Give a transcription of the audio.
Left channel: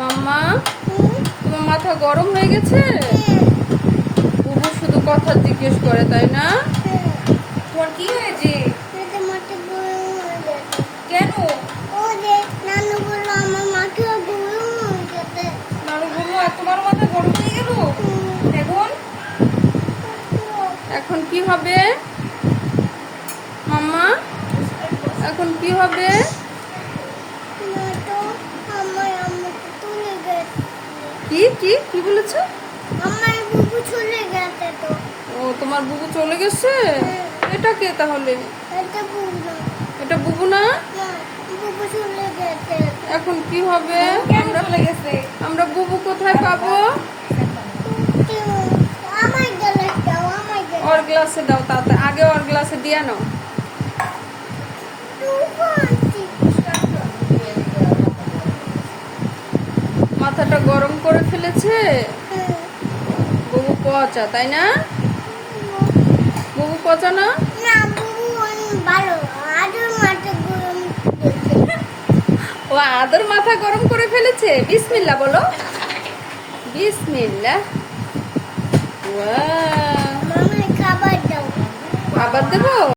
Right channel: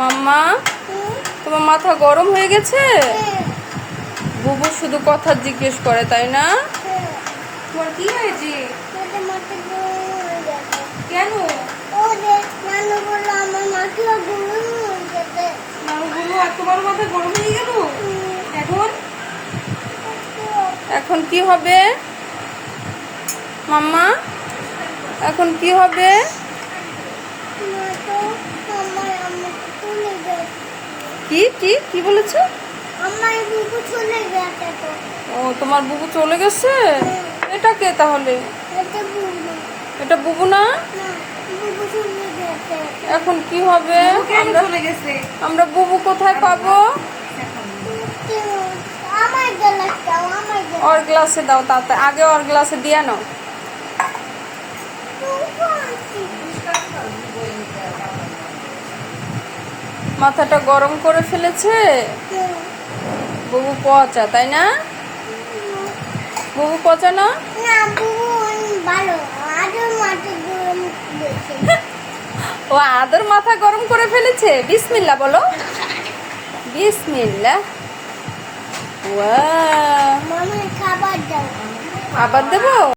মাম্মা, তোমার মাথা গরম হয়ে গেছে? বুবু শুধু কথা জিজ্ঞেস করে, তাই না? তোর কি হয়েছে? কেন? নানু বললো আর তোমার মাথা গরম হয়ে গেল। এখন কি হবে মাম্মা? এখন কি হবে? কি কি কি বলেছো? ও, তোমার বুবু চলে গেছে? এটা কে তাহলে? এটা বুবু না? এখন কি হবে? আমরা বুবু কোথায় পাবো? ওর গ্লাসে দাও, তাতে আগে ওর গ্লাসে দিয়ে নাও। মাথাটা গরম করে ফেলেছে বুবু, পচা, তাই না? বুবু পচা না? ও আদর মাথা গরম করে ফেলেছে। বিসমিল্লাহ বলো, বিসমিল্লাহ। ওয়াও, আবার দেবো?